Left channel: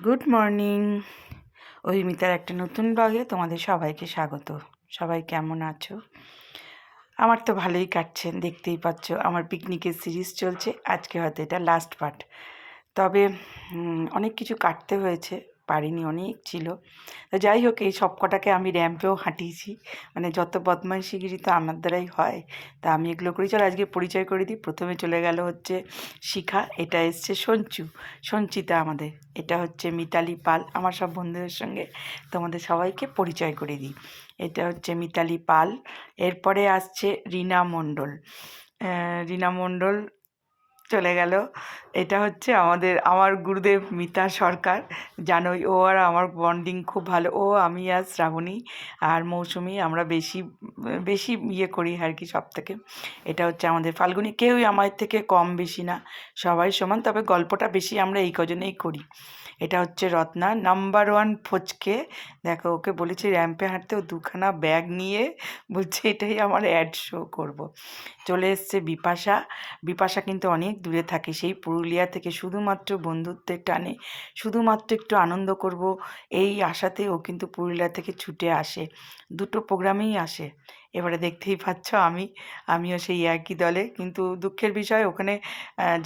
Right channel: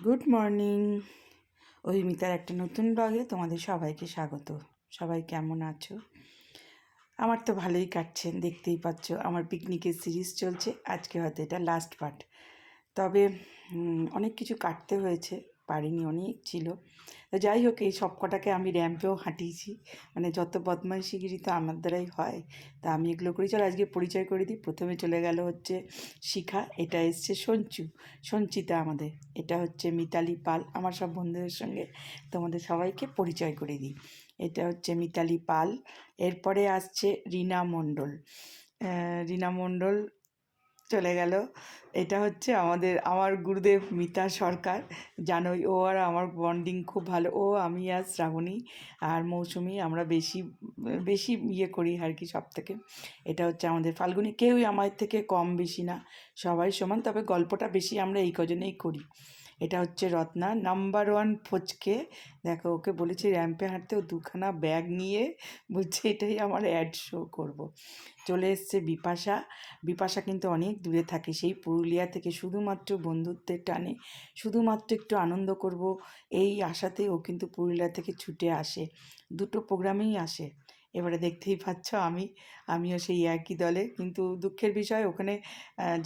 Good morning. অহিমিতার একটা নতুন ব্লগে তোমাদের সবাইকে স্বাগত। সবাই কেমন আছো? আমার তো ভালোই কাটছে, দেখতেই পাচ্ছ আমার পিকনিকের সিরিজ চলছে। আজকে হয়তো এটা লাস্ট পার্ট। তবে অনেক কিছু কাটতে হয়েছে, পারিনি, অনেক ছিল। তো যাই হোক, এই সব কটাকে আমি র্যাম্পেও হাঁটিয়েছি, মানে যত বদমাইশিগিরি তো আমার দ্বারাই হয়, তা আমি এগুলো করি। চলো আজকে পরিচয় করে দিই। প্রথমে চলে গেল হচ্ছে শিখা, এটা এসছে সঞ্চিতা আমাদের, এটা হচ্ছে মিতালি পাল। আমার সব বন্ধুদের সঙ্গে তোমাদের সবাইকে পরিচয় করে দিই। এটা হচ্ছে মিতালি পাল। এরপরে আসছে রীনা মণ্ডল। রীনা মণ্ডল চলে গেল। এটা হচ্ছে আমার গুরুদেব মিতা সরকার। জানোই, ও আর আমার বন্ডিং খুব ভালো। ও, আমি আর শ্রাবণী আর মৌসুমি আমরা বেশি বেশি ইয়ে করি আর কি সব থেকে। এটা হচ্ছে আমাদের ফাল্গুনী। কেউই আমার থেকে কম বেশি না, সবাই সমান, তবে গল্পটা বেশি আমরা এই কজনেই করি। এটা হচ্ছে রত্না, নাম্বার ওয়ান ফচকে। দেখো, ওকে বলেছি র্যাম্পে হাঁটতে, ও দুখানা ব্যাগ নিয়ে বলছে এটাই আমার অ্যাড শো করব। চলে এসছে বিপাশা। বিপাশা কিন্তু অনেক দূরে থাকে, সেই পুরুলিয়া থেকে, শুধুমাত্র বন্ধুত্বের টানে, শুধুমাত্র একটু আনন্দ করব এই আশাতে ও কিন্তু পুরুলিয়া থেকে ছুটে আসে। দুটো প্রোগ্রামেই আসে। এবারে দেখতেই পাচ্ছ আমিও সেই একই দলে। কিন্তু দুঃখের বিষয়, ওখানে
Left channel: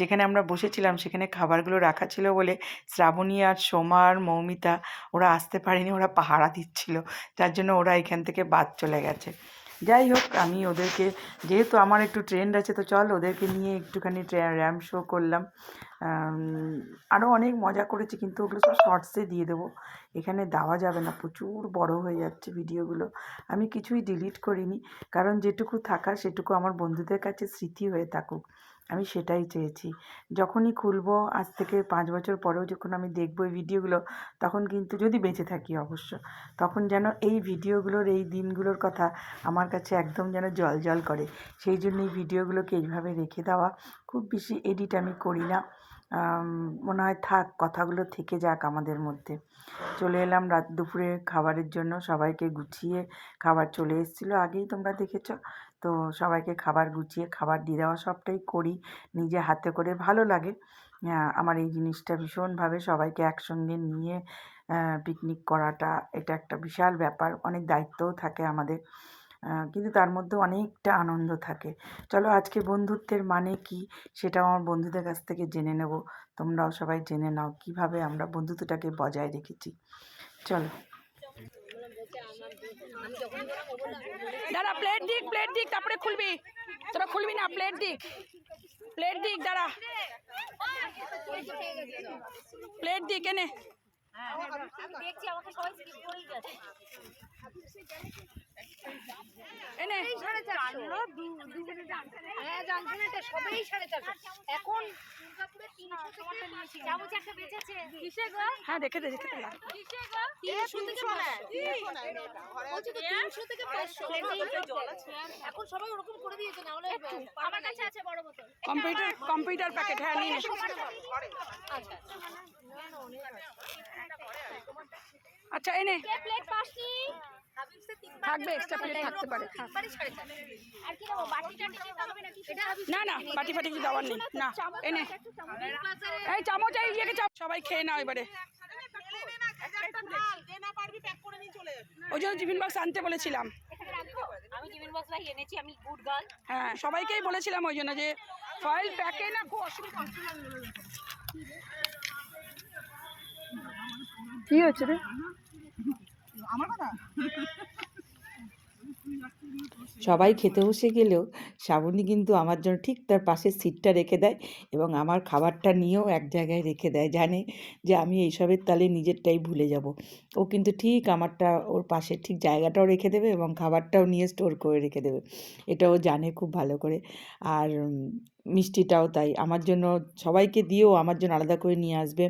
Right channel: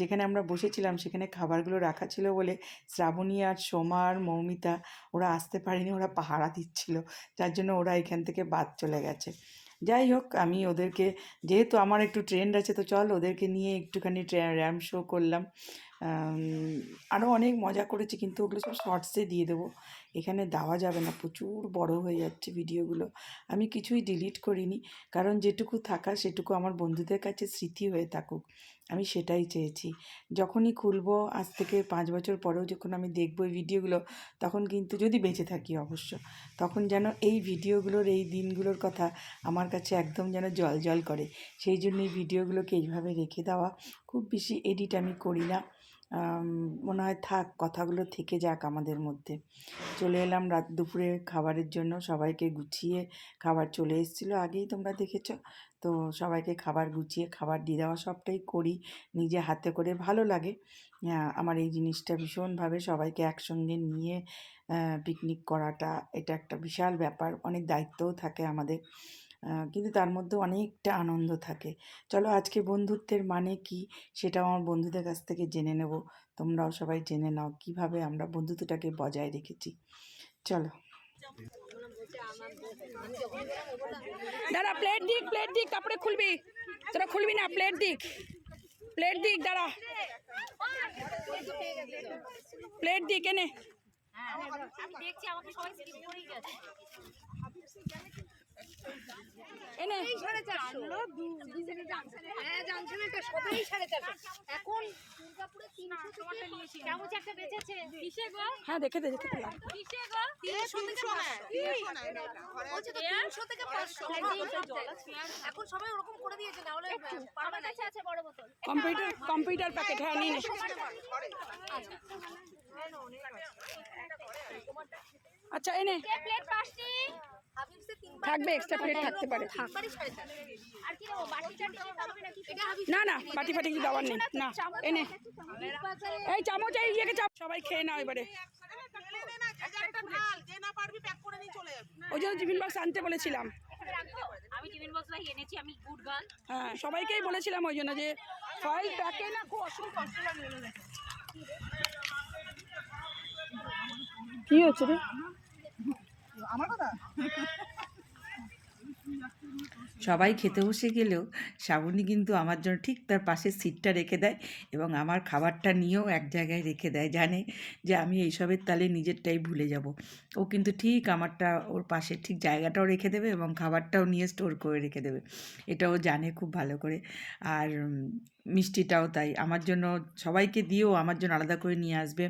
যেখানে আমরা বসেছিলাম সেখানে খাবারগুলো রাখা ছিল বলে শ্রাবণী আর সোমা আর মৌমিতা ওরা আসতে পারেনি, ওরা পাহারা দিচ্ছিল, যার জন্য ওরা এখান থেকে বাদ চলে গেছে। যাই হোক, আমি ওদেরকে, যেহেতু আমার একটু ট্রেন্ড আছে, তো চল ওদেরকে নিয়ে একটুখানি র্যাম্প শো করলাম। আরও অনেক মজা করেছি, কিন্তু ওগুলো সব শর্টসে দিয়ে দেবো, এখানে দেওয়া যাবে না, প্রচুর বড় হয়ে যাচ্ছে ভিডিওগুলো। আমি কিছুই ডিলিট করিনি, কারণ যেটুকু থাকার সেটুকু আমার বন্ধুদের কাছে স্মৃতি হয়ে থাকুক, আমি সেটাই চেয়েছি। যখনই খুলবো, আজ থেকে 5 বছর পরেও যখন আমি দেখবো এই ভিডিওগুলো, তখন কিন্তু, যদি বেঁচে থাকি অবশ্য, তখন যেন এই ভিডিওগুলোর, এই দিনগুলোর কথা আমার কাছে একদম যেন জল জল করে। সেই জন্য এই ভিডিওগুলোকে এইভাবে রেখে দেওয়া। খুব বেশি এডিট আমি করি না, মনে হয় থাক, কথাগুলো থেকে যাক আমাদের মধ্যে। চলে এলাম রাত দুপুরে খাবারের জন্য, সবাইকে গুছিয়ে খাবার চলে এসেছিলো, আগেই তোমরা দেখেছো। তো সবাইকে খাবার গুছিয়ে খাবার দিয়ে দেওয়া, সবটাই করি নিজে হাতে করে, ভালো লাগে। আমার এই জিনিসটা ভীষণভাবে, সবাইকে একসঙ্গে নিয়ে পিকনিক করাটা, এটা একটা বিশাল ব্যাপার, অনেক দায়িত্বও থাকে আমাদের, কিন্তু তার মধ্যে অনেকটা আনন্দ থাকে। চলো আজকে বন্ধুত্বের মানে কি সেটাও আমার বন্ধুদের কাছ থেকে জেনে নেব। তোমরাও সবাই জেনে নাও কিভাবে আমরা বন্ধুত্বটাকে বজায় রেখেছি। চলো। দাঁড়া, প্লেট দিক তারপরে খুলবি। তোরা খুলবি না, প্লেট দিক দাঁড়া, প্লেট দিক এনে। আমি দেখছি, আমাকে সবাই স্কিপ করেই যাচ্ছে। এনে এখন দুর্গাপুরে 300 থেকে 500 যাবো, একটা বেঁচেছে। কিসে গো? হ্যাঁ, দেখে দে। কিসে গো? 300 থেকে 500 এখন সবাই ওরকম করে দিয়েছে, না হলে আমার কাছে আছে বড় বোতল। Computer packet. হ্যাঁ, নিয়ে নে। আচ্ছা, এনে প্লেট পাসনি থাকবে, এক্সট্রা প্লেট থাকতে পারে। আর কি দেবো? বাটি টাটি দেবে নাকি? না, বাটি ফাটি কিছু দেওয়ার নেই। না, এনে এই চামচ, এই ইয়েকে সবাই খেয়ে নাও এবারে। ওই জন্য টিফিন বক্স আনতে বলেছিলাম। আমি টিফিন বক্স ভাই এনেছি, আমি গুড গার্ল। হ্যাঁ, সবাইকেই বলেছিলাম ওই জন্য, যে ফয়েল প্যাকে না খুব অসুবিধা। কি হচ্ছে রে আমার কথা? সবাই খেতে বসে গেলেও শ্রাবণী কিন্তু আমার জন্য ঠিক তার পাশের সিটটা রেখে দেয়, এবং আমার খাবারটা নিয়েও এক জায়গায় রেখে দেয়, জানে যে আমি এইসবের তালে নিজেরটাই ভুলে যাব। ও কিন্তু ঠিক আমারটা ওর পাশে ঠিক জায়গাটাও রেখে দেবে, এবং খাবারটাও নিয়ে স্টোর করে রেখে দেবে, এটাও জানে খুব ভালো করে। আর মিষ্টিটাও তাই, আমার জন্য সবাইকে দিয়েও আমার জন্য আলাদা করে নিয়ে আসবে।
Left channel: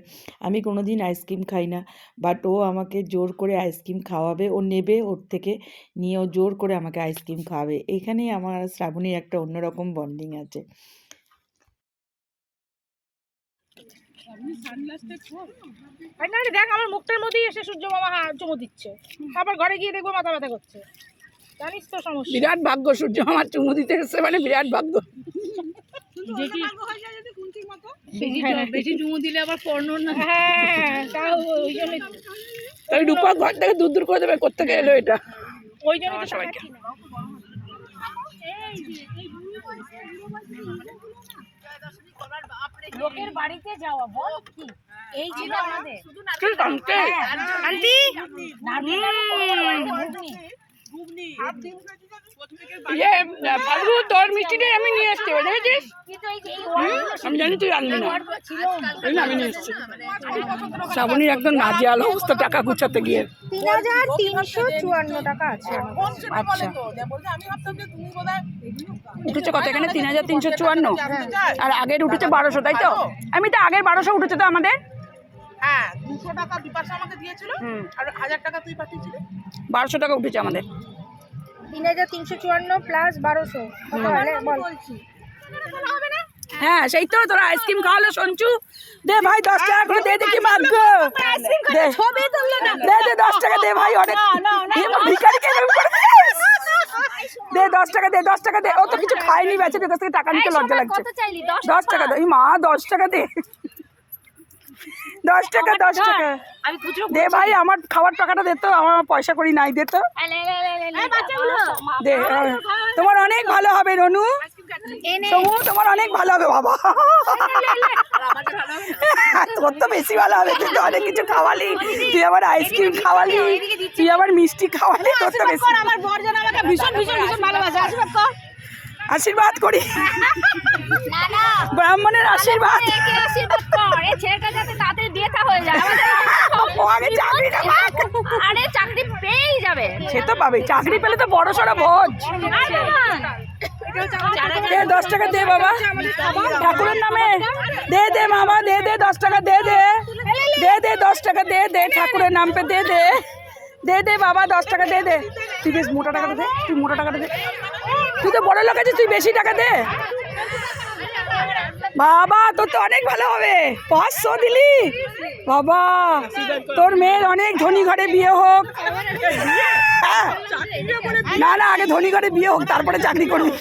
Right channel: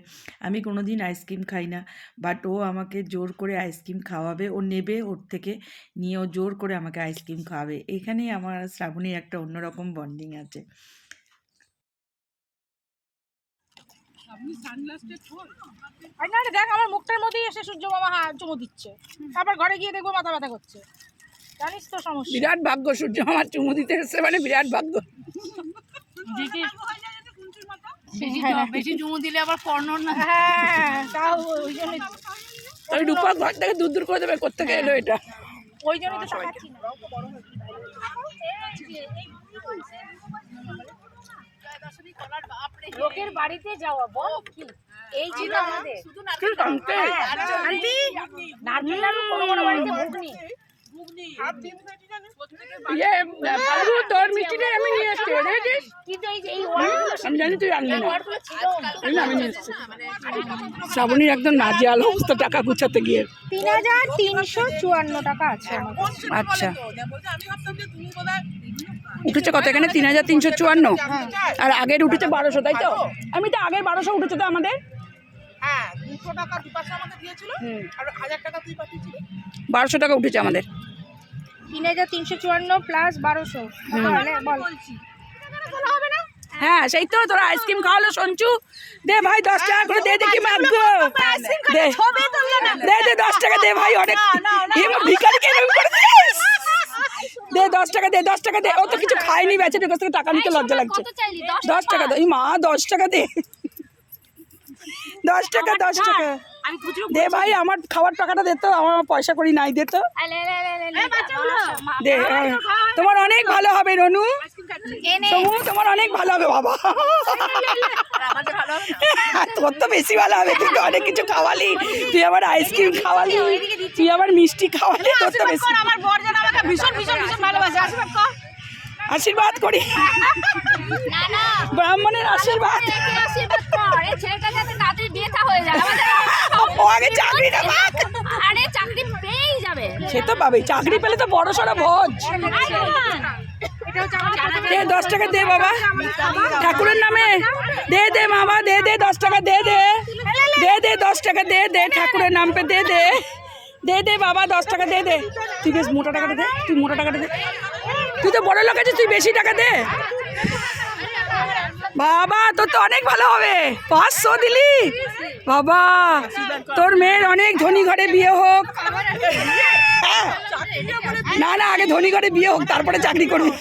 আমি কোনো দিন আইসক্রিম খাই না, বাট ও আমাকে জোর করে আইসক্রিম খাওয়াবে, ও নেবে ওর থেকে নিয়ে, ও জোর করে আমাকে আইসক্রিম খাওয়াবে। এখানেই আমার আর শ্রাবণীর একটা অন্যরকম বন্ডিং আছে। দেখ, আমার মুখটার মধ্যেই এসে সূর্য মামা চুমু দিচ্ছে, আবার ঘরে গিয়ে দেখবো মাথা ব্যথা করছে। জানিস তো সমস্যা। বিরাট ভাগ্য, সূর্য মামার চুমু দিতে এসছে মানে বিরাট ভাগ্য। বেশি চুমু দিলে আবার পর্ণ না। হ্যাঁ, তাও ওই রূপা ঘর থেকে দূর দূর করে দেবে কোত্থেকে এলো এটা ওই জন্য সবাইকে লোকের বাড়িতে যাওয়া বল কি এই ছিল আমাদের আন্টি নারকেল আর কোনো বাড়িতে ঘুগনি ইয়ে ফালগু তোর মিষ্টিটাই আমি নিয়ে আসছি বুঝেছিস কিন্তু এই যে আমি জানি তুই আনবি না ছিল ওই না আমি নিয়ে এসছি শ্রাবণীর একদম নাজেহাল অবস্থা টাকা গুছাতে গিয়ে ৩,৩৫৪ টাকা আছে আচ্ছা উঠেছে কত এখানে ৩,৩৫৪ আর আগের উঠেছে ১২০০ তাই তো আমি তো আগের ১২০০ উঠেছে তো আমাদের হ্যাঁ 200 টাকা বিপাশা আমাকে দিয়েছিল আর 1000 টাকা তুই পাঠিয়েছিলি ১২০০ টাকা উঠেছে আমাদের ৩,৩৫৪ প্লাস ১২০০ হ্যাঁ সেই তো তোরা আইসক্রিম খাওয়ালো সঞ্চু দে ভাই 10 টাকা করে দে দেখি ভাগ্য দে দে দে 10 টাকা দে ভাই অনেক ভিখারি কেন করে দে 10 টাকা দে 10 টাকা দে ও তো কিছু খায়নি বেঁচে তোর কাছ থেকে টাকা নিতে লজ্জা লাগছে 10 টাকা দে মা 10 টাকা দে 10 টাকা 10 টাকা দে ভাই আমার খাবার টাকাটা দে তো আমার পয়সা করি নাই দে তো দে তোমার অনেক ভালো হবে রনু তোমার অনেক ভালো হবে বাবা তোর তো বেশি ভালো হবে তুই তো অনেক কিছু খাওয়ালি তুই আবার আইসক্রিম খাওয়ালি তুই আবার মিষ্টি খাওয়ালি তোর তো বেশি আমার বর যেন আমাকে ভীষণ ভীষণ ভীষণ ভালোবাসে আশীর্বাদ কর আশীর্বাদ করি না না ব্রাহ্মণের আশীর্বাদ একে আশীর্বাদ কর এই ছেলেটা যাতে তাড়াতাড়ি বিয়ে থা হয়ে যায় ও আগে চাকরিটা পাক আরে চাকরি পেয়েই যাবে সে তো পাবে চাকরি পেলে তো বড় সড়ো ভোজ দে 10 টাকা দে বাবা ঠাকুরের নামে দে দে মামা দে দে 10 টাকা দে দে দে দে 10 টাকা দে দে ঠাকুরের নাম পে দে দে দে দে বাবা 10 টাকা দে দে তুই বেশ মোটা টাকাটা দে তুই মোটা টাকাটা দে তুই তো বড় লোক আছিস তুই বেশি টাকা দে বাবা তোর তো অনেক ভালো হবে 500 দিলি বাবা তোর মেয়ের অনেক ধনী ঘরে বিয়ে হোক না না আগে ধনী ঘরে বিয়ে হোক তারপরে চাকরি করবি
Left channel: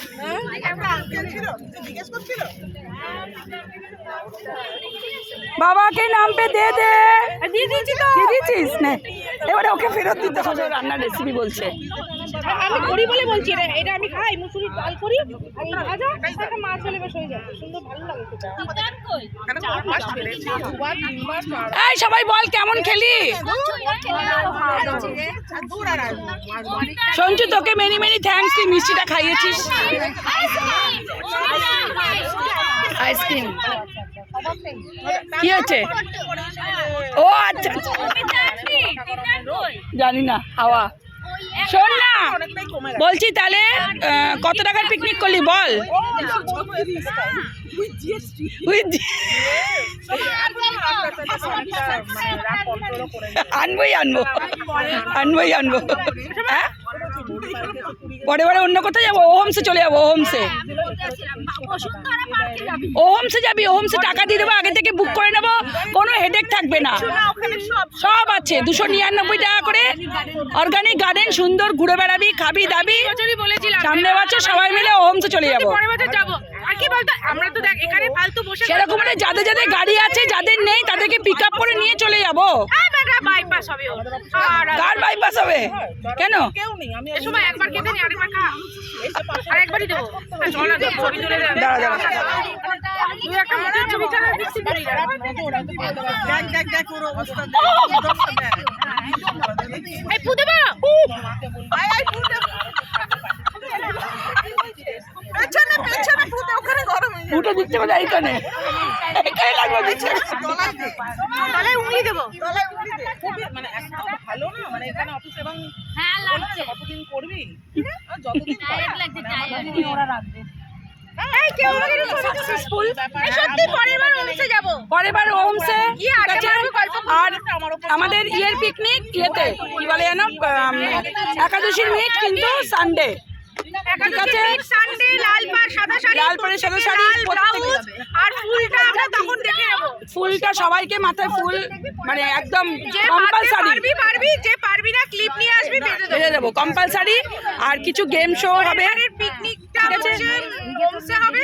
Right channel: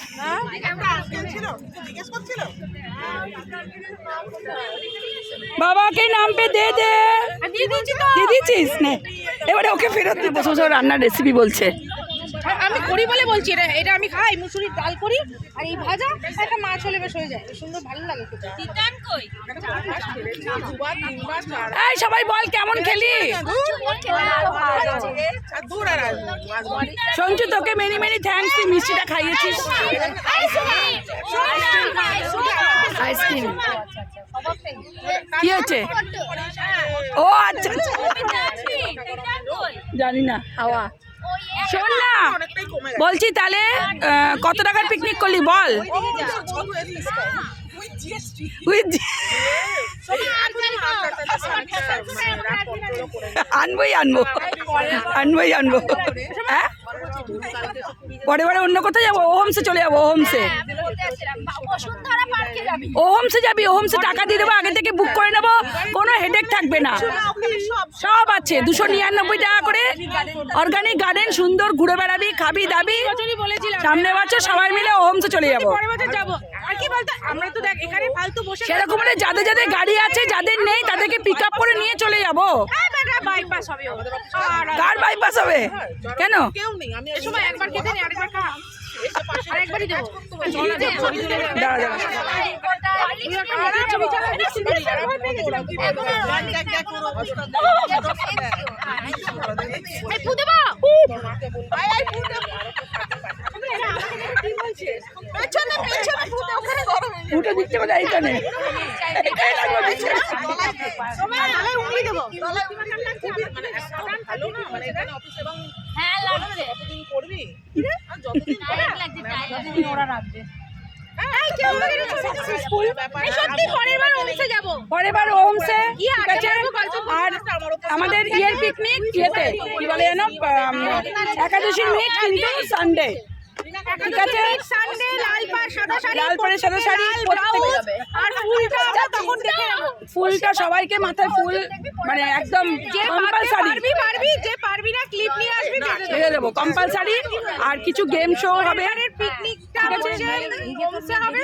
বাবাকে নাম পে দে দে দিয়ে দিয়েছিস না এবারে ওকে ফেরত দিতে শ্বশুর রান্নার রেসিপি বলছে আমি করি বলে বলছি এটা আমি খাই মুসুরির ডাল করি আর এই ভাজা একটা মাছ হলে বেশ হয়ে যায় সুন্দর ভালো লাগে তিতান কই এই সবাই বল কেমন খেলি সঞ্জু তোকে মেনি মেনি থ্যাঙ্কস তুই মিষ্টিটা খাইয়েছিস আইসক্রিম কি হচ্ছে ও আচ্ছা আচ্ছা জানি না হাওয়া শোন না বলছি তাহলে কত টাকার পিকনিক করলি বল আনবোই আনবো আনবোই আনবো হ্যাঁ পরে বারে অন্য কোথায় যাবো ওহমসে চলে যাবো ওহমসে ওহমসে যাবি ওহমসে টাকা দিয়ে দেবো আগে থেকে বুক করে নেবো কোনো হেডেক থাকবে না সব আছে 299 টাকা করে অর্গানিক গার্ডেন সুন্দর ঘুরে বেড়াবি খাবি দাবি সামনে বছর সবাই মিলে ওহমসে চলে যাবো আর কি বলতো আমরা তো দেখ এখানে ফালতু বসে সেরকম মানে যাদের যাদের গাড়ি আছে যাদের নেই তাদেরকে পিক আপ করে নিয়ে চলে যাবো বাইপাস হবে কার বাইপাস হবে কেন কেউ নেই আমি এই সময় একবার খেতে নি আরেকবার খা আর একবারই দেবো দাঁড়া দাঁড়া তুই একটা মুখের ছবি ছাড়া দেখছি না এই পু দেবো পেছনে পেছনে ফুটে ওখানে গরম হয়ে উঠে দিচ্ছে বলে এইখানে এইখানে লাগবে দিচ্ছে তাহলে উংলি দেবো তলায় উঠে দিয়ে খুবই মানে একটা ভালো না মানে এখানে অফিস এবং হ্যাঁ লাগছে কতদিন করবি আর যতদিন টায়ার্ড লাগছে টায়ার্ড ওরা রাখবে এই কেউ আমাকে সাকসেসফুল এই সত্যি পরের বার ওমসে যাব পরের বার ওহমসে কি আড্ডা মারবো গল্প আর আমাদের ইয়ের পিকনিক ইয়েতে কি বলে জানো একাদশীর মিট কিন্তু সানডে ঠিক আছে সানডে লাল পাড় সাদা শাড়ি লাল পাড়ে সাদা শাড়ি লাল ব্লাউজ আর ফুলটা আমরা তখন দেখে নেব ফুলটা সবাইকে মাথায় ফুল মানে একদম যে কম্পালসারি পারবি পারবি যে পারবি না ক্লিপ নিয়ে আসবি বেঁধে দেব বেঁধে দেবো কম্পালসারি আর কিছু গেম শো হবে এবারের পিকনিকটা হচ্ছে ওমসে হবে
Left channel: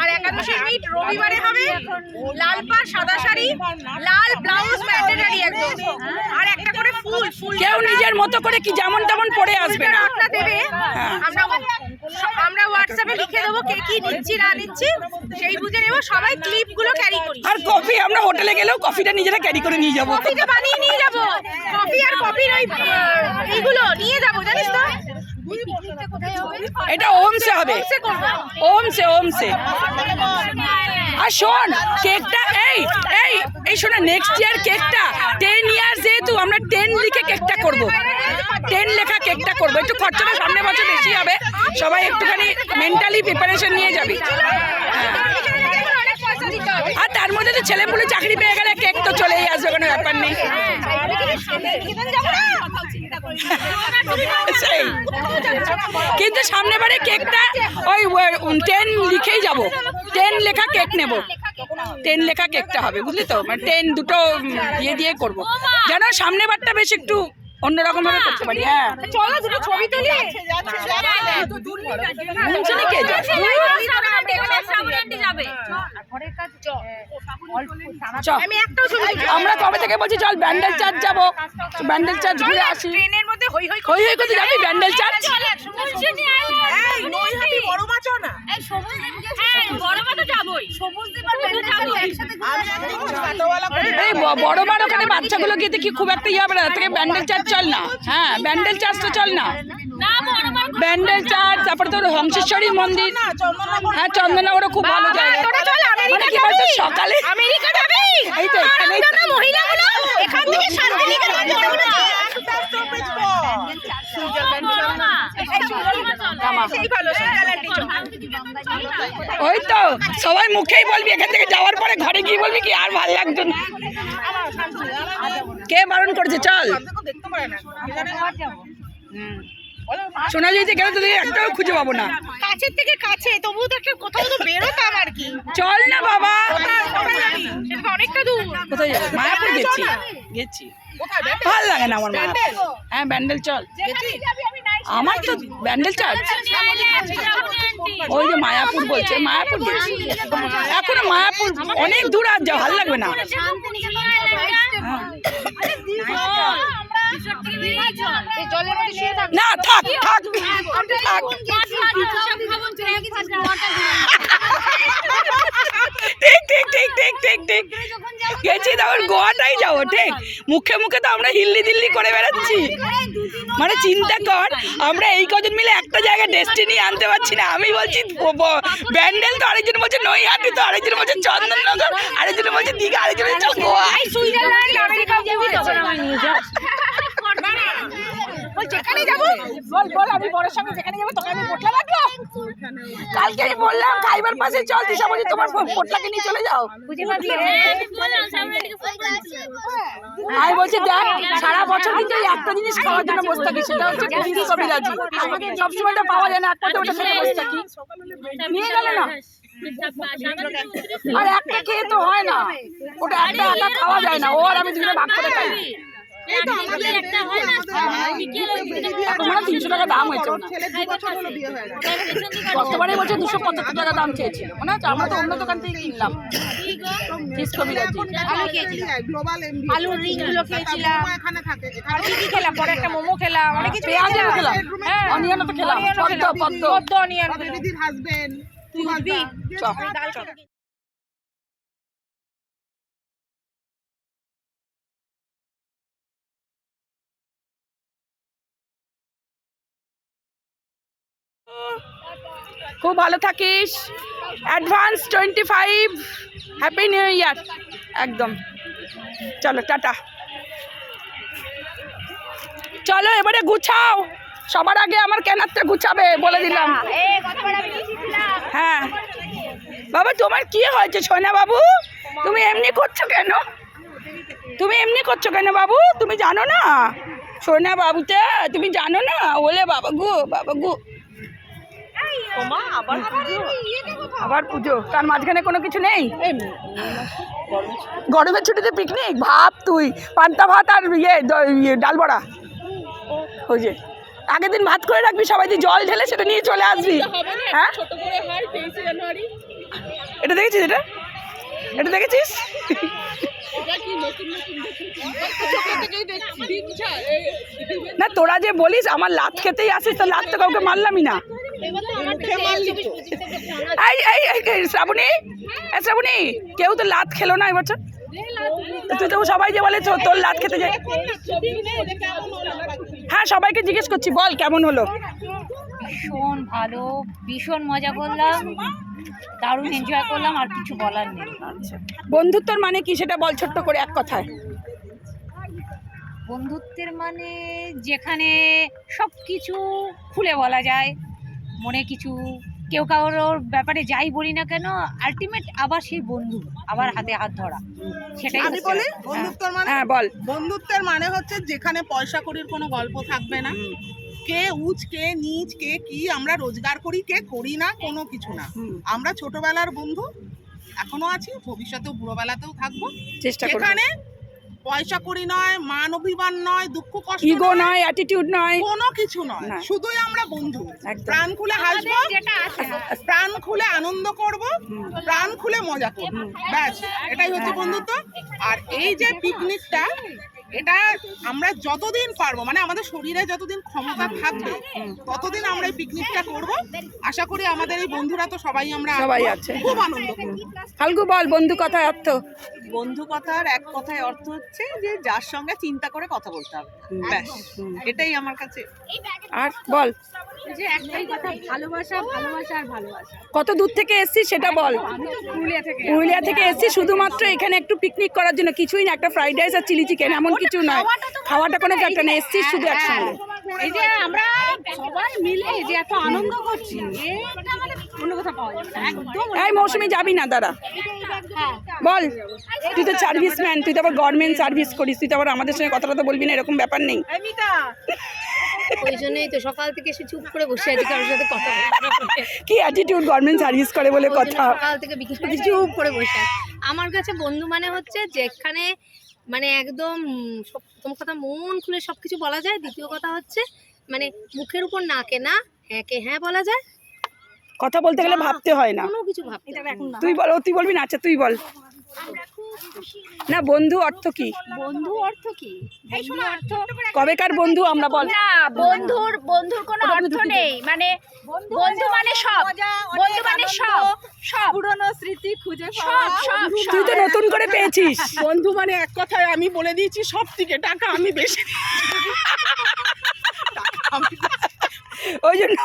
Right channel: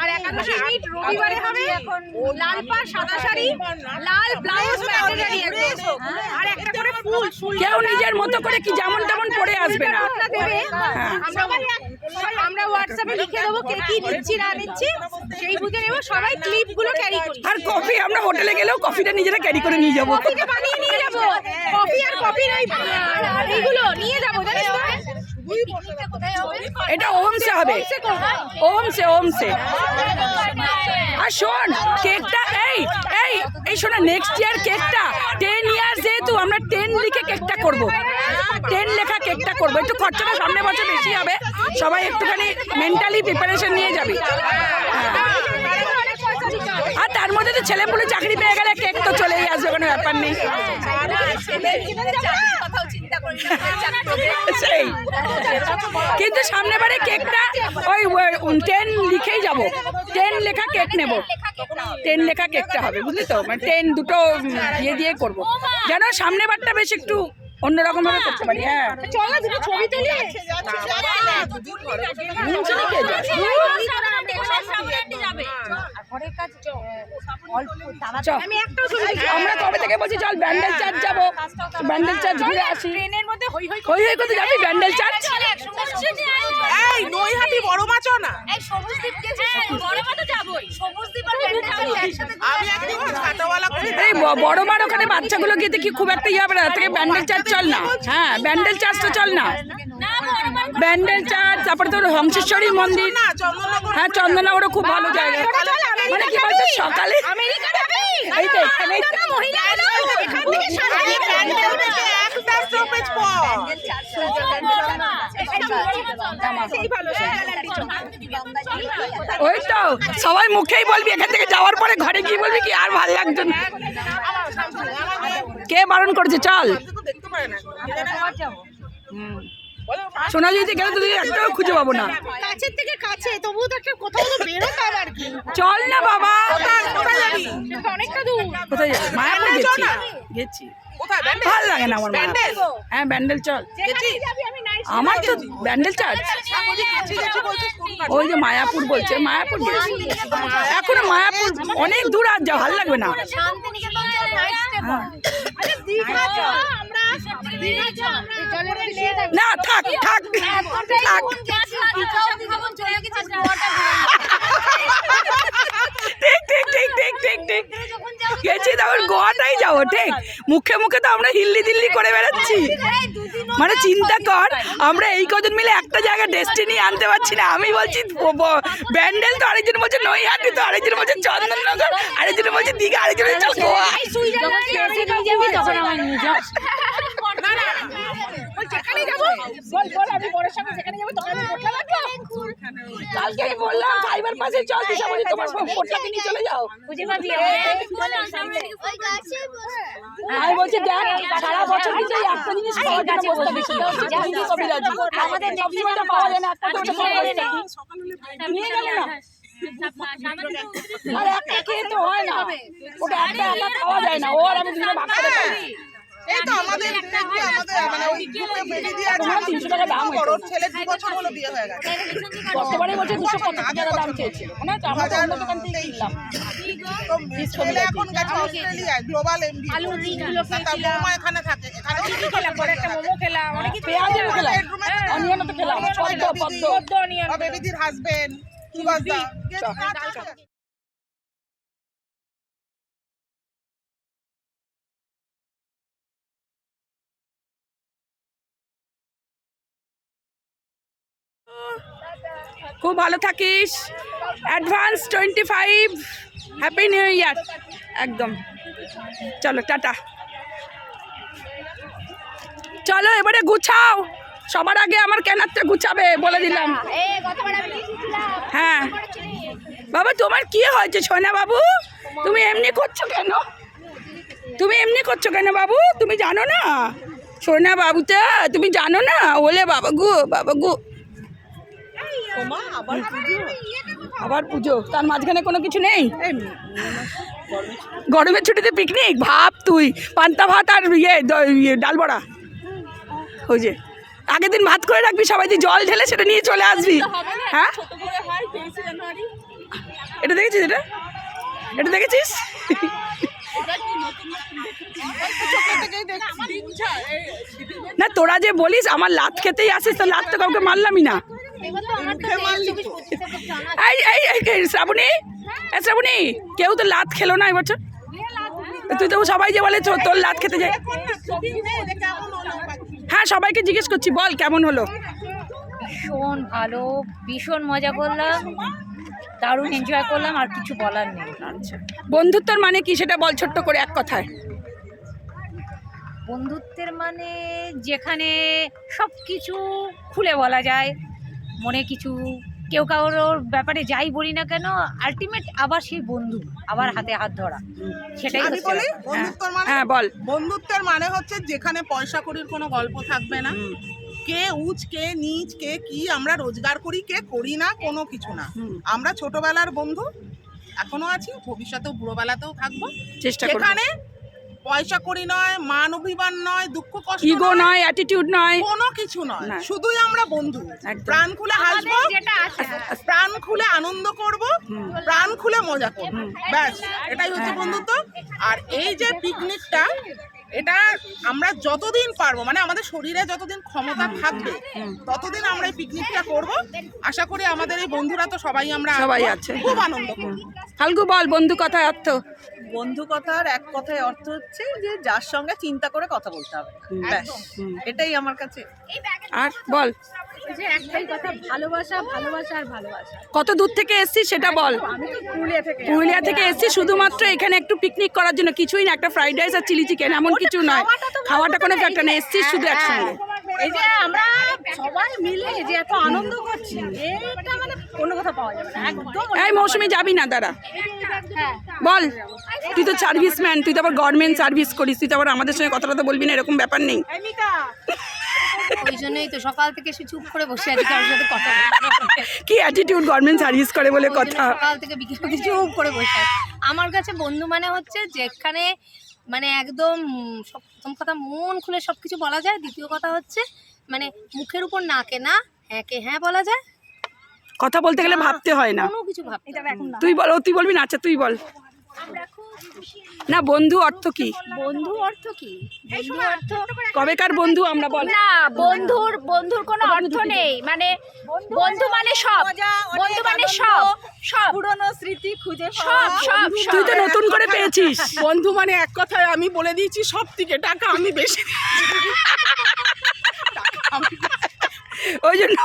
আর একাদশীর মিট রবিবারে হবে লাল পাড় সাদা শাড়ি লাল ব্লাউজ ম্যান্ডেটরি একদম আর একটা করে কেউ নিজের মতো করে কি যেমন তেমন পড়ে আসবে না। নোটটা দেবে, আমরা হোয়াটসঅ্যাপে লিখে দেবো কে কি নিচ্ছি না নিচ্ছি, সেই বুঝে নেবো। সবাই ক্লিপগুলো ক্যারি করি। আর কফি আমরা হোটেলে গেলেও কফিটা নিজেরা ক্যারি করে নিয়ে যাবো। কফিটা বানিয়ে নিয়ে যাবো, কফি আর কফির ওই এইগুলো নিয়ে যাবো, জানিস তো। এটা ওমসে হবে, ওমসে। আর শোন কেকটা এই এই এই শোনা, নেক্সট ইয়ার কেকটা 10 ইয়ার্স যেহেতু আমরা 10 লিখে কেকটা করব, 10 লেখা কেকটা করব। একটু খরচাটা সামনে বছর বেশি হবে, সবাই একটুখানি মেন্টালি প্রিপারেশন নিয়ে যাবি। আর তার মধ্যে তো ছেলেপুলে চাকরি পেয়ে গেলে কেক তো চলেই আসবে, কোনো ব্যাপার নেই। সেই কিন্তু সামনে বারে কেকটা ওই 10 লিখেই যাব, 10 লেখা কেক নেব, 10 লেখা কেকটা হবে, বুঝলি তো। মানে 10 দুটো দিয়ে করবো, যেন সামনে বারটা বেশ একটু অন্যরকম ভাবে করতে পারি। হ্যাঁ চল না দুটো ছবি তুলি। আমরা কবে থেকে বলছি চল ব্যান্ডেল চার্চ যাবো, ব্যান্ডেল চার্চ ঘুরে আসি। ট্রেনের মধ্যে হই হই হই হই করতে যাবি ব্যান্ডেল চার্চ। এই নৈহাটি বড় মাছও না, এই বড় মার ওখানে বাচ্চাগুলো গিয়ে দেখি খুব একটা ইয়ে হবে না, থেকে ব্যান্ডেল চার্চ চল না। হ্যাঁ ব্যান্ডেল চার্চ তো চল না, ব্যান্ডেল চার্চ, তারপরে তোর হংসেশ্বরী মন্দির। হ্যাঁ চন্দননগরও খুব ভালো জায়গা। মানে কি বলতো সকালে আমেরিকা যাবে, এই তো এখানেই তো মহিলাগুলো এখান থেকে শান্তিনিকেতন একটা স্টপেজ পর সেই ভালো সুইজারল্যান্ডে চল। ওই তো সবাই মুখেই বলবি, এখান থেকে যাওয়ার পরে ঘরে গিয়ে বলবি কি আর ভালো লাগছে না। কে বারণ করেছে চল। দেখতে পারে না, সোনাঝুরিতে গেলে তো একটাও খুঁজে পাবো না। কাছের থেকে কাছে, তবুও তো একটা কোথাও তো বেরোতাম আর কি। চল না বাবা, সেটা অনেকটা দূর। কোথায় যাবো? মায়াপুর গেছি কোথায় ব্যান্ডেল? ভালো লাগে না আমার মায়াপুর। হ্যাঁ ব্যান্ডেল চল, আমার তো ব্যান্ডেল চার্চ। ওই যে মায়াপুর বলছে, মায়াপুর গেছি এখনো, মায়াপুর অনেক দূর, আর যা ভালো লাগবে না। জলের মধ্যে শুয়ে থাক। না থাক থাক, ঠিক গেছি, তারপর গোয়াটাই যাবো। ঠিক মুখে মুখে তো আমরা হিল্লি দিল্লি করে বেড়াচ্ছি। মানে চিন্তা কর, আমরা এই কজন মিলে একটা জায়গায় ডেস্টিনি আনতে পারছি না। আমি বলছি ব্যান্ডেল, তো আরেকজন বলছে নৈহাটি, তো আরেকজন বলছে চন্দননগর, আরেকজন বলছে দীঘা, আরেকজন বলছে গোয়া। তখন আমায় নিয়ে যাস। যেখানে যাবো বল, আমি বড়ের সঙ্গে যেখানে যাবো তখন আমি পোটলা লাগলো। কালকে আমি বললাম খাইবার পাশে চল, দিশা বলছি তোমার পোটলাকে নিয়ে চলে যাও। আমি বলছি দেখ সারা বছর কিন্তু এই একটা জিনিস খাওয়ার জন্য বসে থাকি, সেটা হচ্ছে পুরী কবিরাজি। আমাদের সবসময়টা পাওয়া যায় না, একটা ওটা খেয়ে বসে থাকি। নিয়ে গেলে না, আর একটা খেয়ে তো হয় না, ওটা একটা একা খাওয়া যায় না, ও আর আমি দুজনে ভাগ করে খাই। তোমার 300 টাকা দাম হয়েছে, গতবারে বলছে 275 টাকা দাম চেয়েছিল, মনে হচ্ছে। আমরা তো অন্য দোকান থেকে কিনলাম। আলুর রিংগুলো খেয়েছিলাম, এখানে থাকে, আর কি খেলাম, পরে একটা মোমো খেলাম, অনেক কিছু পেঁয়াজও খেলাম, অনিয়নও তো খেলাম, পদ্ম অনিয়ন দিদির হাজবেন্ড খুব ভালো থাকিস। অ্যাডভান্স 25 হ্যাপি নিউ ইয়ার একদম। চলো টাটা, চলো এবারে গুছাও। সবার আগে আমার কেনারটা গুছাবে বলে দিলাম। হ্যাঁ বাবা, তোমার কি হয়েছে সোনা বাবু? তুমি এমনি করছো কেন? বাবু? তুমি জানো না সোনা বাবুটা, তুমি জানো না? ওলে বাবা গু আবার পুজো, তার মাঝখানে কোনো কিছু নেই। গরমের ছুটিতে পিকনিক ভাব তুই, পান্তা ভাত আর ডাল বড়া। ওই যে আগের দিন ভাত করে রাখবি, সবাই দিয়ে জল ঢেলে সেটা নিয়ে চলে আসবি। হ্যাঁ এটা দেখেছিস, এটা দেখেছিস? না তোরা যে বলিস আমার লাত খেতেই আসিস, তো লাত তো কাউকে মারলামই না। এই শ্রাবণী, শ্রাবণী কেউ তো লাত খেলো না এবছর। তুই তো সবাই যে বলে তোর লাত খেতে যায়। হ্যাঁ সবাইকে জিজ্ঞেস করছি, বল কেমন হলো? ভীষণ ভালো, ভীষণ মজা করলাম, দারুণ এনজয় করলাম, আর কিছু বলার নেই। আচ্ছা, বন্ধুত্বর মানে কি সেটা বল ছোট্ট করে এক কথায়। বন্ধুত্বের মানে যেখানে সব কিছু খুলে বলা যায়, মনে কিছু কেউ কারোর ব্যাপারে যাই বলি না কেন, আলটিমেট আবার সেই বন্ধু, আবার হাতে হাত ধরা, সেটাই আমি হচ্ছে বলি ব্যাপার। বন্ধুত্বের মানে, হ্যাঁ বল। বন্ধুত্বের মানে হচ্ছে যেখানে পয়সা কড়ির কোনো গল্প থাকবে না, কে উচ কে নিচ, কে কি আমরা রোজগার করি কে করি না, কোনো কিছু না। আমরা ছোটবেলার বন্ধু, এখনো আছি, ভবিষ্যতেও বুড়োবেলাতেও থাকবো। চেষ্টা করব। যেখানে পয়সা কড়ি নয়, মান অভিমান নয়, দুঃখ কষ্ট ইগো নয়, অ্যাটিটিউড নয়, কোনো কিছু নয়, না। শুধুই আমরা বন্ধু। একদম। প্রাণ খুলে হাসবো, প্রাণ খুলে আনন্দ করব, প্রাণ খুলে মজা করব, ব্যাস এটাই হচ্ছে বন্ধুত্ব। আর এই যে পিকনিকটা, এটা আমরা যতদিন পারবো, মানে আমাদের শরীরে যতদিন ক্ষমতা থাকবে ততদিন আমরা এই পিকনিকটা করব। আশা করি আমাদের এই বন্ধুরা তো সবাই আমরা সবাই আসবো, আছে। খুব আনন্দ করব। ফাল্গু বল বন্ধু কথায় অর্থ। বন্ধু কথার এক কথায় অর্থ হচ্ছে যে যার সঙ্গে চিন্তা করে কথা বলতে হবে, ব্যাস এটাই আমার কাছে। আর বল যে একটাই কথা, ভালোবাসা, ভালোবাসা আর ভালোবাসা। কত দূর থেকে এসছিস সেটা বল। আমি তো পুরুলিয়া থেকে। পুরুলিয়া থেকে এসছি শুধুমাত্র এখানে একটু পিকনিক করার জন্য, কিছুই না, একটা ফ্রাইড রাইস আর চিলি চিকেন, এমন কিছু নয়। খাওয়াটা কোনো ফ্যাক্টর না, এসছিস শুধু একসঙ্গে। এই যে আমরা সবাই মিলে যে এত আনন্দ করছি, এটা মানে অন্য কথা পাওয়া যাবে না একদম। এই মৌসুমি যাবি না দাঁড়া, হ্যাঁ, বল। তুই তো সার্ভিসম্যান, তুই তো আবার গভর্নমেন্ট সার্ভিস করিস, তুই তো আবার আমাদের সঙ্গে কথাটা তো বলবি না, এরকম ব্যাপার নেই। ওই জন্যই তো সকাল থেকে সে চুপ করে বসে আছে, কারোর সাথে কথা বলতে। কি অ্যাটিটিউড, গভর্নমেন্ট সার্ভিস করে বলে কথা। সকাল থেকে বিকেল অবধি চুপ করে বসে আছে। আমার কাছে বন্ধু মানে হচ্ছে যেখানে মানে একদম প্রথম কথা মন খুলে সব কিছু বলা যায়, দ্বিতীয় কথা হচ্ছে মানে মুখের উপর নাকে না হ্যাঁ কে হ্যাঁ বলা যায়, কথা বলতে গেলে ভাবতে হয় না। কোনো কিছু ভাবতে হবে না। তুই বল, তুই বলবি না? আচ্ছা তুই বল না, বন্ধু অর্থ কি? বন্ধু অর্থ কি? বন্ধু অর্থ কবেকার বন্ধু আমরা বল। না, বন্ধুর কোনো অর্থ নেই, মানে বন্ধু মানে সব, বন্ধু মানে সব, সব পুরনো স্মৃতি খুঁজে সব সব তুই তো নতুন করে পেয়েছিস। বন্ধু মানে এক কথায় আমি বলে দিয়েছি সব থেকে টাকা আমি বেশি। ওই জন্য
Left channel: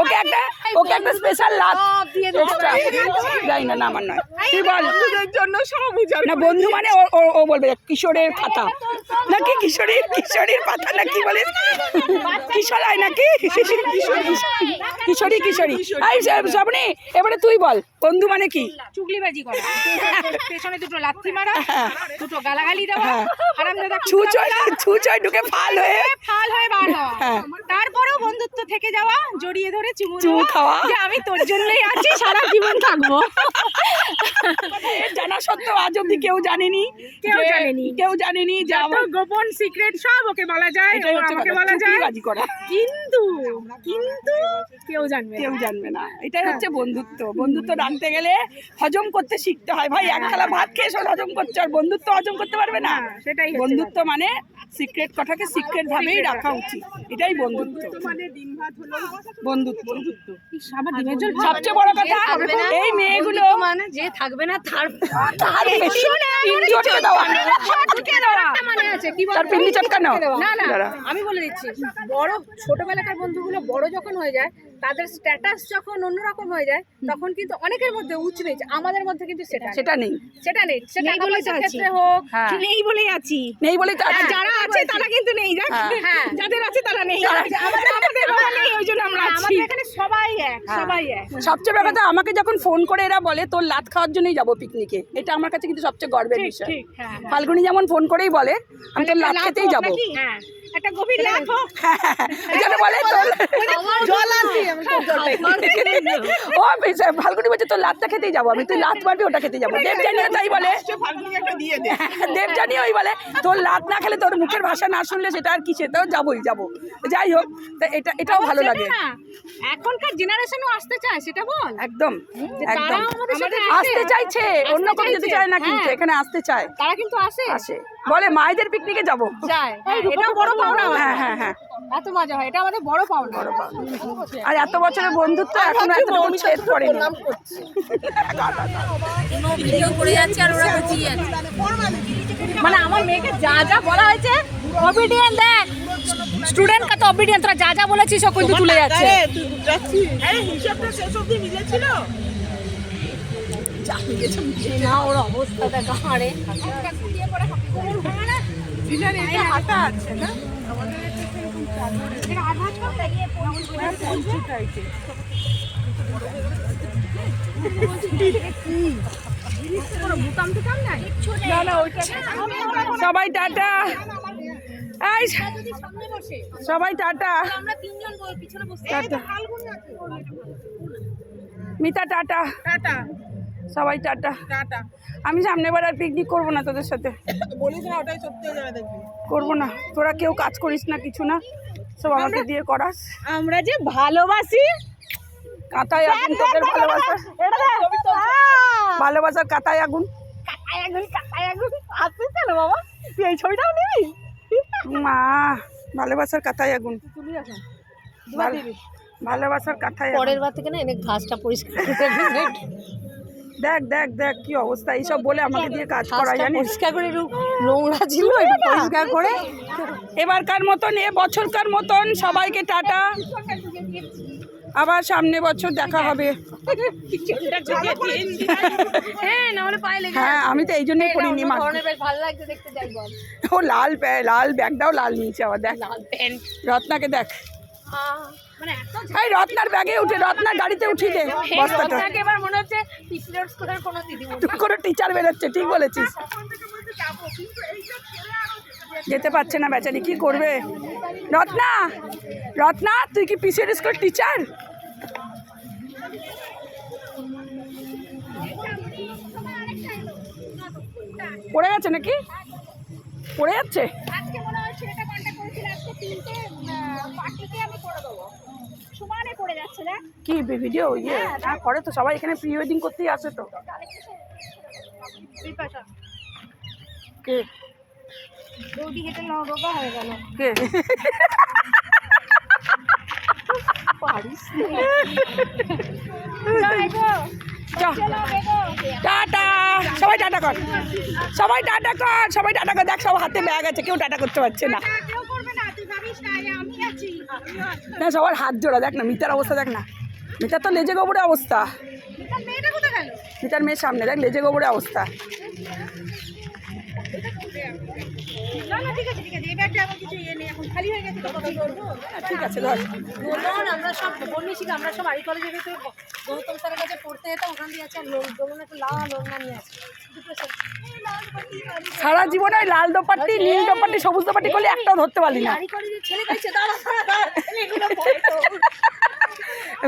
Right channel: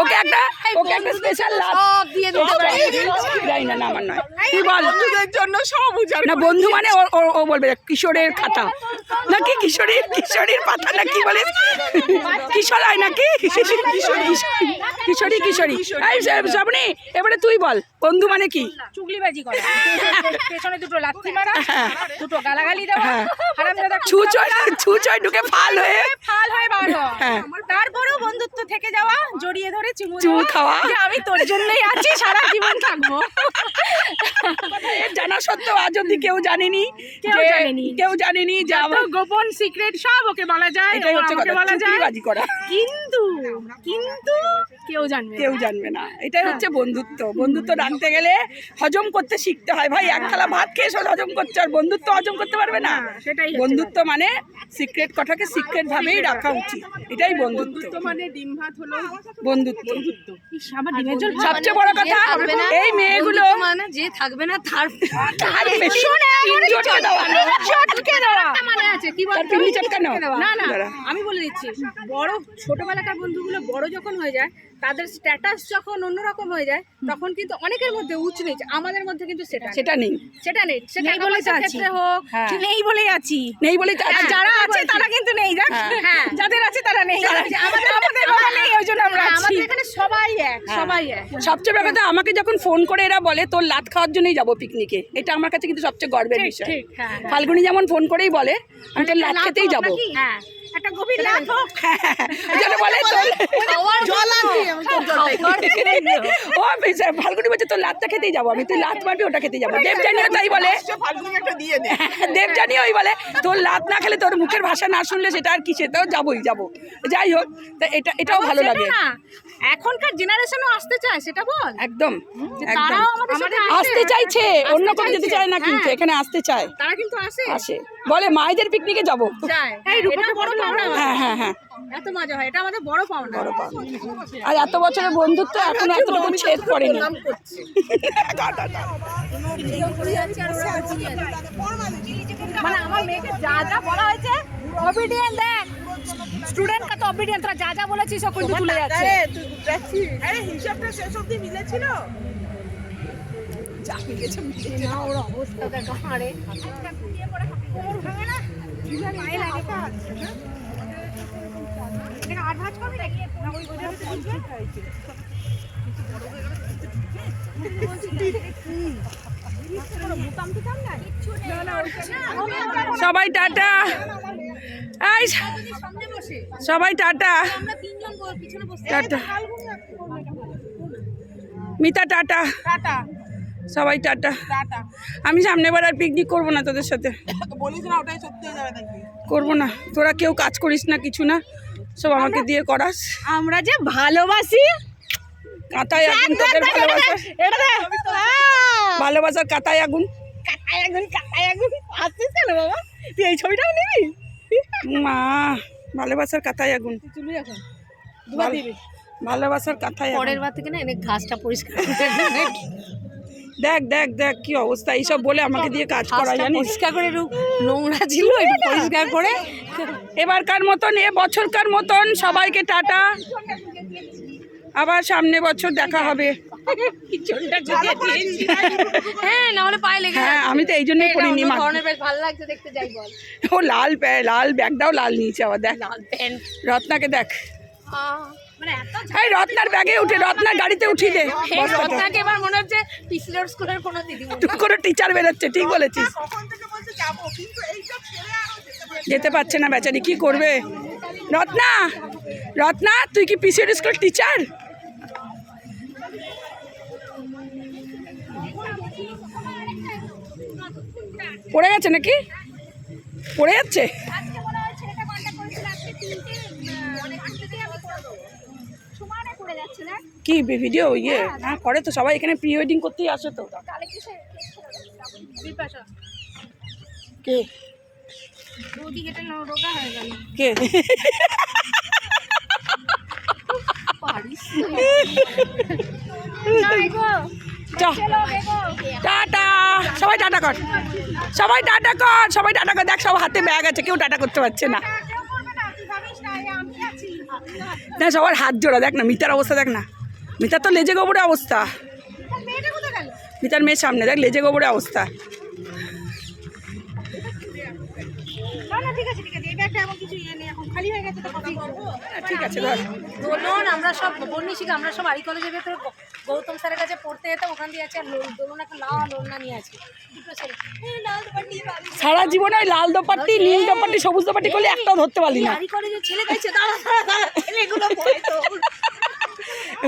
ওকে একটা স্পেশাল লাভ দিয়ে দিতে যাই না, না আমার নয়। তুই বল। বন্ধুদের জন্য সব উজাড় না বন্ধু মানে ও বলবে কিশোরের খাতা নাকি, কিশোরীর পাতা নাকি বলে, কিশোর হয় নাকি, কিশোরী। এই শ্রাবণী, এবারে তুই বল বন্ধু মানে কি? চুগলিবাজি করা, পেছনে দুটো লাথি মারা, দুটো গালাগালি দেওয়া, হারামজাদা ছুঁচয় ঢুকে ফাল হয়ে বার হওয়া। হ্যাঁ। তারপরেও বন্ধুত্ব থেকে যাওয়া, জড়িয়ে ধরে চুমু চুমু দেওয়া, খাওয়া। যে আমি তোর জন্যই আছি, সারা জীবন থাকবো। জানা সত্ত্বেও আজ অব্দি কেউ জানেনি, কেউ জানেনি যে যত গোপন সিক্রেট সব ওকে বলা যায়, এটাই হচ্ছে আমাকে কথা, বলা যায়, চুগলিবাজি করা। কিন্তু কেউ জানবে না। কেউ জানবে না, এটাই হচ্ছে বন্ধুত্ব। বন্ধুত্ব রাখতে গেলে হজম করতে শিখতে হয় ভাই। এক থালা ভাত খেয়ে সব হজম করছে, আর বন্ধুত্ব হজম করতে পারবে না। সেটাই হচ্ছে বন্ধুত্ব মানে সিক্রেট কথাকে সিক্রেট ভাবেই রাখা উচিত, এটাই বন্ধুত্ব। মানে ডিম ভাত হলো বন্ধুত্ব ইস, আমার ডিমের ঝোল ভালো। সবচেয়ে বড় কথা, এই মেয়েগুলো মানে যে থাকবে না তার তার বেশি পিন্ডি চটকে দেওয়া। মানে আছে কি তার পিন্ডি চটকানো। না দাঁড়া। আমি বলে দিচ্ছি, বড় ছোটবেলাকার বন্ধুগুলো বড় যখন হয়ে যায়, তাদের স্ট্যাটাস যখন অন্যরকম হয়ে যায়, তখন কিন্তু অনেকের মধ্যে উঁচ নিচ, আমাদের মধ্যে কিন্তু সেটা সেটা নেই, নেই। সেটা টাকা পয়সার ক্ষেত্রে হোক, হ্যাঁ। নেই বলেই আছি, নেই বলেই তো আছে। যারা আছে তারা কিন্তু নেই, দেখ, হ্যাঁ। যাদের আছে তারা নেই, আমাদের বলা নেই, ওই জন্য আমরা আছি। আমাদের এখানে সবাই এক, সবাই এক। সবচেয়ে বড় কথা, আমাকে যখন ফোন করে এরা বলে তোর লাত খাওয়ার জন্যই যাবো পিকনিকে, এটা আমার কাছে কিন্তু সবচেয়ে গর্বের বিষয়। ঠিক, হ্যাঁ। ফাল্গুনি যেমন ফোন করেই বলে আমি তোর লাত খেতেই যাবো, হ্যাঁ, একটা গভীর লাভ হোক। যেন বলে তোর জল আনবি, আমি তোর জল দেখি। ও ফাল্গুনি বলছে তোর লাতটা খেতেই যাবো আমি, তুই লাত মারবি ওটা খেতেই যাবো। দেবজানিও তাই বলে, ফাল্গুনি একটা দিয়ে দে। দেবজানিও ওই বলে তোর লাত না খেলে, তোর মুখের ভাষা না শুনলে সেটা আর কিসে, তো যাবো। যাই হোক, তা এটাও ভালো লাগে। না, এখনকার জেনারেশনও আসতে চায়, সেটা বল। একদম তারাও আমাদের সাথে আসতে চাইছে, অন্য কোনো যেতে চায় না, কিন্তু হ্যাঁ। এখানে আসতে চায়, তারা কিন্তু আসে আসে, বলে মায়েদের পিকনিকে যাবো। যায়। এই এটা বড় পাওনা আমাদের। হ্যাঁ হ্যাঁ হ্যাঁ এত মজা হয়, এটা আমাদের বড় পাওনা। আর এত বছরের বন্ধুত্ব এখনো এতটুকু ছেদ পড়েনি। মানে আমার মেয়েকে যা যা বলা হয়েছে, অবিডিয়েন্ট দেখ স্টুডেন্ট কত অবিডিয়েন্ট, তোরা যা যা বলেছিস সব কিন্তু তুলে যাচ্ছে। আরে হিসাবটা শেষ অবধি মিলেছিল। না ওর অবস্থা দেখ আরে হাঁটা আছে না সবাই টাটা, এই সবাই টাটা, আমরা তিনজন পিছনে বসে টাটা, মিতা টাটা, সবাই টাটা। আমি সামনে বার আর পিকনিক করবো না তোদের সাথে, বলিস না, ওটাই সত্যি হয়ে যাবে দেখবি। করবো না। তোরা কেউ কাজ করিস না, কিছু না, সব আমাকে দিয়ে করাস। আমরা যে ভালোবাসি, কাঁথায় আগুন তোদের ভালোবাসা, এটা দেখ ভালোবাসার কাঁথায় আগুন। কাকায় আগুন আসছিস কেন বাবা? তুই এই ছবিটাও নিবি? মা, ভালোবাসার কাঁথায় আগুন, তুলি এখন ভালোবাসার কাঁথায় আগুন। পরের বার থেকে না এনে ঘাসটা পরিষ্কার করে দেখ দেখ দেখ কি অবস্থা, এইসব বলে আমাকে দিয়ে কাজ করা, জানিস? পরিষ্কার করে নোংরা ছিল একটু পরিষ্কার করে। এবারকার মতন, বছরকার মতন সবাইকে টাটা, আবার সামনে বছর দেখা হবে। হ্যাঁ না হলে পায়ে লেগে হ্যাঁ, আমি তো এই জন্যই করিনি। মা, বেশ ভালো লাগছে দেখতে, যাই বল। ও লাল লাল ব্যাগটাও লাল নিয়েছে আবার, দেখ রত্নাকে দেখ, এই রত্নার ব্যাগে উঠে, রত্নার গাড়িতে উঠিয়ে দে বস্তাটা। রত্নাকে এবার মনে হচ্ছে পিসিলোড স্কুলের কোনো দিদিমণি। তুই কোনো টিচার বেরোচ্ছে, ঠিক বলেছিস। যেতে পারছে না বেচারি, কি করবে? রত্না, রত্না তুই কি পিসির স্কুল টিচার? পড়ে গেছে নাকি? পড়ে যাচ্ছে কি ভিডিও? ইয়ে হ্যাঁ করে তো, সবাই এখানে প্রি ওয়েডিং করতেই আসে তো। কে কে? টাটা, সবাই টাটা কর, সবাই টাটা কর, সবাই টাটা কর। দেখ সব হাতে ব্যাগ আছে, কেউ টাটা করতে পারছে না। না সবার হাত জোড়া, দেখ না মিতার অবস্থা, দেখ না মিতার তো লেজে গোবরে অবস্থা। মিতার মেয়ের সামনে দেখ লেজে গোবরে অবস্থা। ঠিক আছে ধর। দোলন আমরা সব বন্যশিখা, আমরা সব আরি কলেজের ভেতরে গৌতম স্যারের কাছে পড়তে যেতাম, ওখান দিয়ে আছে। আর দোলন একটা লাল ওড়না নিয়ে আছে, দুটো ছেলে সারা জীবনে ওই লাল দোপাট্টি, নীল দোপাট্টি, সবুজ দোপাট্টি করলে একটাও ধরতে পারলি না। আরি কলেজের ছেলে গাইছে, দাঁড়া ছেলেগুলো বলতো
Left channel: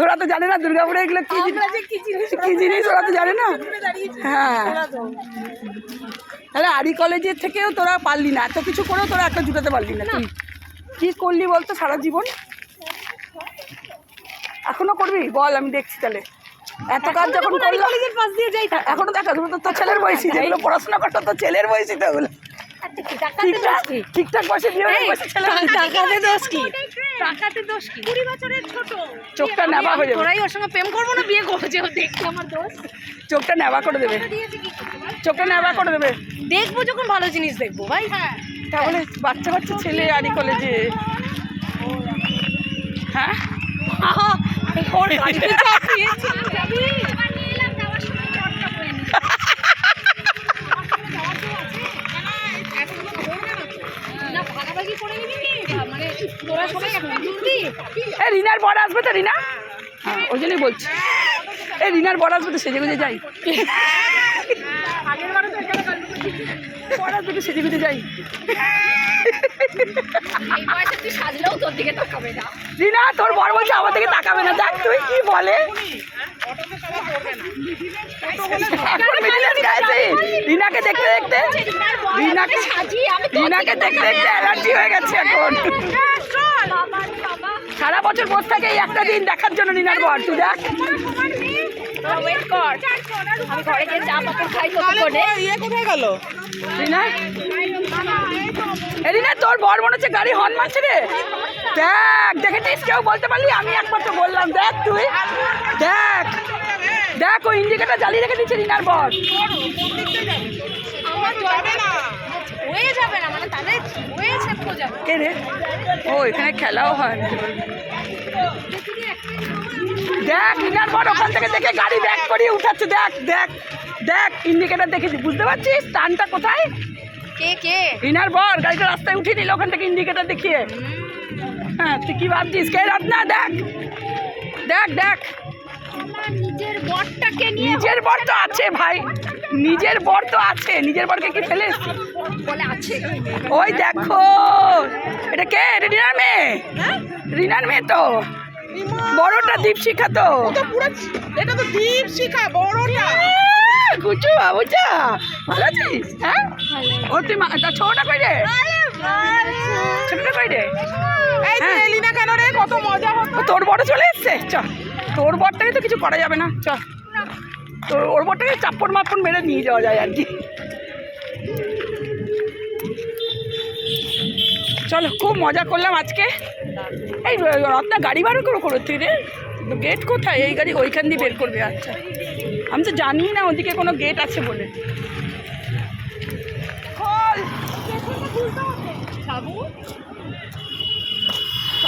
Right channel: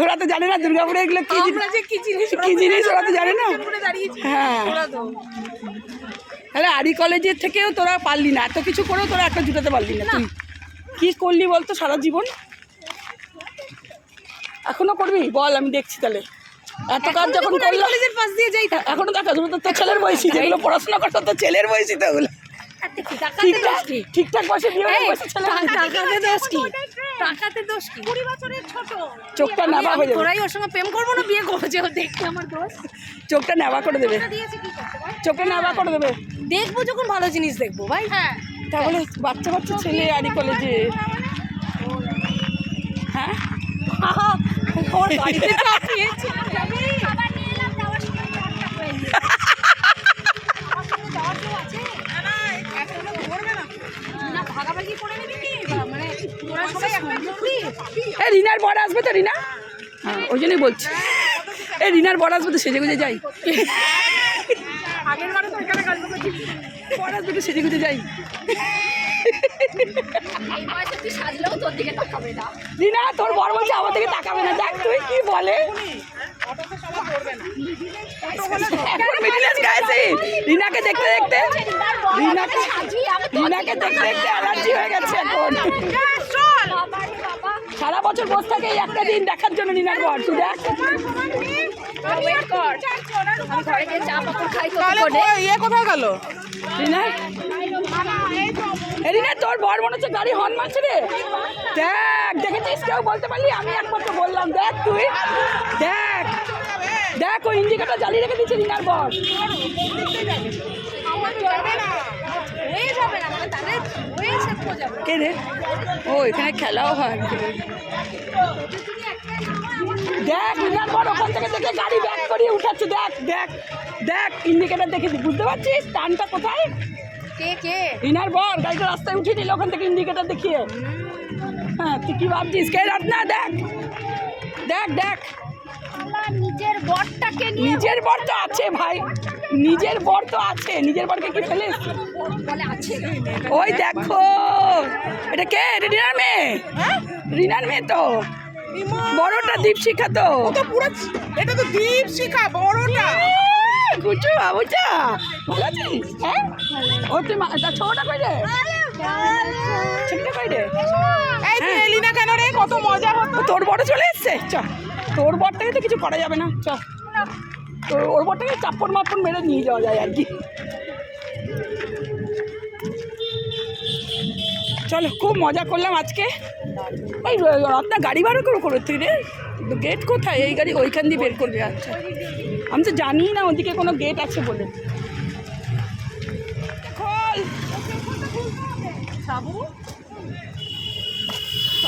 ওরা তো জানে না দুর্গাপুরে এগুলো কি আমরা যে কি জিনিস কি জিনিস, ওরা তো জানে না। দাঁড়িয়েছি হ্যাঁ, তাহলে আরি কলেজের থেকেও তোরা পারলি না, এত কিছু করেও তোরা একটা জুটাতে পারলি না। তুই কি করলি বলতো সারা জীবন? এখনো করবি বল, আমি দেখছি। তাহলে এত কাজ যখন করলো, কলেজের পাশ দিয়ে যাই এখনো দেখা যাবে তো, তোর ছেলের বয়সী যেগুলো পড়াশোনা করতো, তোর ছেলের বয়সী তো ওগুলো। ঠিকঠাক বয়সে বিয়ে হয়ে বয়সে ছেলে, টাকাতে দোষ কি? টাকাতে দোষ কি? 20 বছরের ছোট, চোখটা নেবা হয়ে যাবে। তোরাই ওর সঙ্গে প্রেম করবো না বিয়ে করবো, যে ও দেখতে আমার দোষ চোখটা নেবা করে দেবে, দিয়েছে কি করতে ভাই? চোখটা নেবা করে দেবে। দেখবো যখন ভালো জিনিস দেখবো ভাই। হ্যাঁ তাহলে বাচ্চা বাচ্চা ছেলে আরি কলেজে, হ্যাঁ ওর গাড়িতে চাপিয়েছে। না ভাগাভাগি করে নিবি কি? মানে তোরা সবাই একটা জলদি। এই রিনার বড় আসবে তো, রিনা, হ্যাঁ ওই জন্যই বলছি। এই রিনার বড় আসবে তো, সেজে গুজে যাই। আগের বারে তো এখানে গল্প করছি, বড় আসবে তো, সেজে গুজে যাই। এই বয়সে তুই সাজলেও তোর দিকে তাকাবে না। রিনা তোর বড় বলছে আমার দিকে তাকাবে না, দেখ তুই কি বলে। রিনাকে দেখতে দেখতে, রিনাকে দেখতে দেখতে অ্যালার্জি হয়ে গেছে এখন। বাবা রে বাবা। সারা বছর বসে থাকে এই একটা দিন দেখার জন্য রিনার বর, তুই দেখ। ইয়ে কোথায় গেল? রিনা, এ রিনা, তোর বর মনে হচ্ছে গাড়ি হর্ন মারছে রে। দেখ, দেখেছিস? কেউ বলতে পারলি? আমি একমাত্র বললাম। দেখ তুই, দেখ দেখ, ও ইন্ডিকেটার জ্বালিয়ে রেখে দিচ্ছে রিনার বর। হয়ে যাবে না মানে তাহলে হয়েছে যাবে। কে রে? ও এখানে খেলাও হয়। দেখ রিনার বর ওখান থেকে দেখে গাড়ি ব্যাক করিয়ে উঠাচ্ছে। দেখ দেখ দেখ, ইন্ডিকেটার দেখেছি, বুঝতে পারছিস টানটা কোথায়? কে কে রিনার বর গাড়িটা রাস্তায় উঠিয়ে নিল ওখান থেকে ইন্ডিকেটার দেখিয়ে। হ্যাঁ, তুই কি ভাবছিস? কে রাত না? দেখ দেখ দেখ, নিজের বরটাকে নিজের বর তো আছে ভাই, নিজের বর তো আছে। নিজের বরকে কি ফেলে বলে আছে। ওই দেখো, এটা কে? এটা রিনার মেয়ে, রিনার মেয়ে তো। বড়টা দীপশিখা তো। এটা তো দীপশিখা বড়টা। গুচু বাবুচা, ভালো আছিস? হ্যাঁ, ও তুই ছোটটা কই রে? ছোটটা কই রে? এই তুই এলি না কেন রে? কত মজা হতো। তোর বড় চলে এসছে। চ, তোর বরটাকে তো কিছু করা যাবে না। চ, তোর ওর বরটাকে চাপ্পড় মাপ্পড় মেরে নিয়ে যাওয়া যায় আর কি। চলো, খুব মজা করলাম আজকে। এই রত্না গাড়ি ভাড়া করো তুই রে? গেট কোথায়? এই গাড়ি ওইখান দিয়ে বের করবে। আচ্ছা, আমি তো জানি না ওদিকে কোনো গেট আছে বলে। খোল।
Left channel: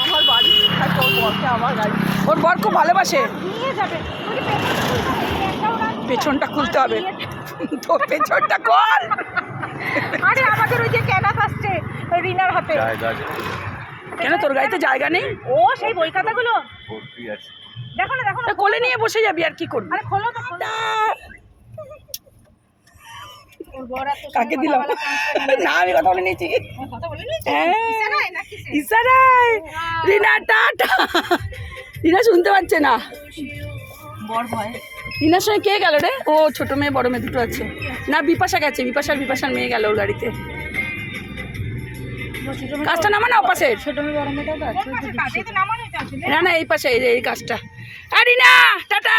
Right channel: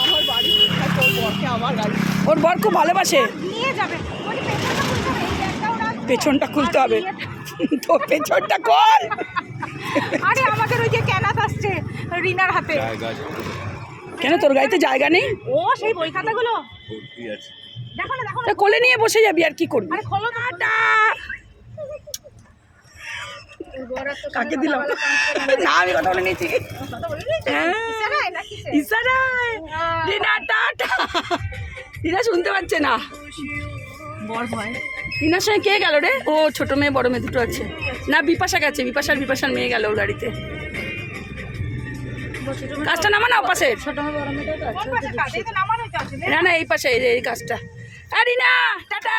আমার বাড়ি তোর বরকে আমার গাড়ি। ওর বর খুব ভালোবাসে। পেছনটা খুলতে হবে তো, পেছনটা খোল। আরে আমাদের ওই যে ক্যানাস আসছে রিনার হাতে। কেন তোর গাড়িতে জায়গা নেই? ও সেই বই খাতাগুলো দেখো না, দেখো না। তা কোলে নিয়ে বসে যাবি, আর কি করবি? আরে খোলো তো। কাকে দিলাম? না, আমি কথা বলে নিয়েছি। হ্যাঁ, ইশারায়। রিনা টাটা। রিনা শুনতে পাচ্ছে না। রিনার সঙ্গে কে গেল রে? ও ছোট মেয়ে বড় মেয়ে দুটো আছে। না, বিপাশা গেছে। বিপাশার মেয়ে গেল ওর গাড়িতে। কাজটা নামা না ও পাশে। না না, এই পাশে, এই কাজটা। আর রিনা টাটা।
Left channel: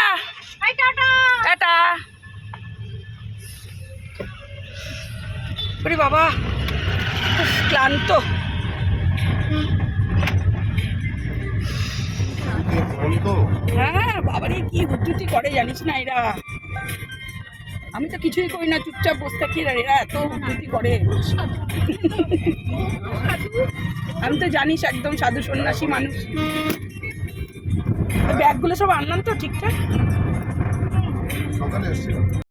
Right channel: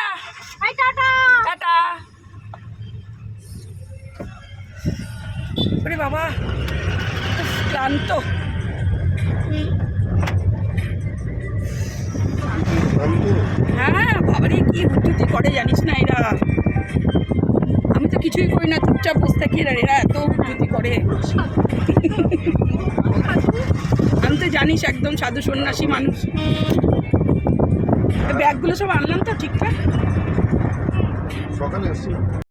টাটা। ওরে বাবা, ক্লান্ত। হ্যাঁ বাবারে, কি হুটুটি করে জানিস না এরা। আমি তো কিছুই করি না, চুপচাপ বসে থাকি। এরা এত হুটুটি করে। আমি তো জানিস একদম সাধু সন্ন্যাসী মানুষ। ব্যাগগুলো সব আনলাম তো ঠিকঠাক। সকালে এসেছিলাম।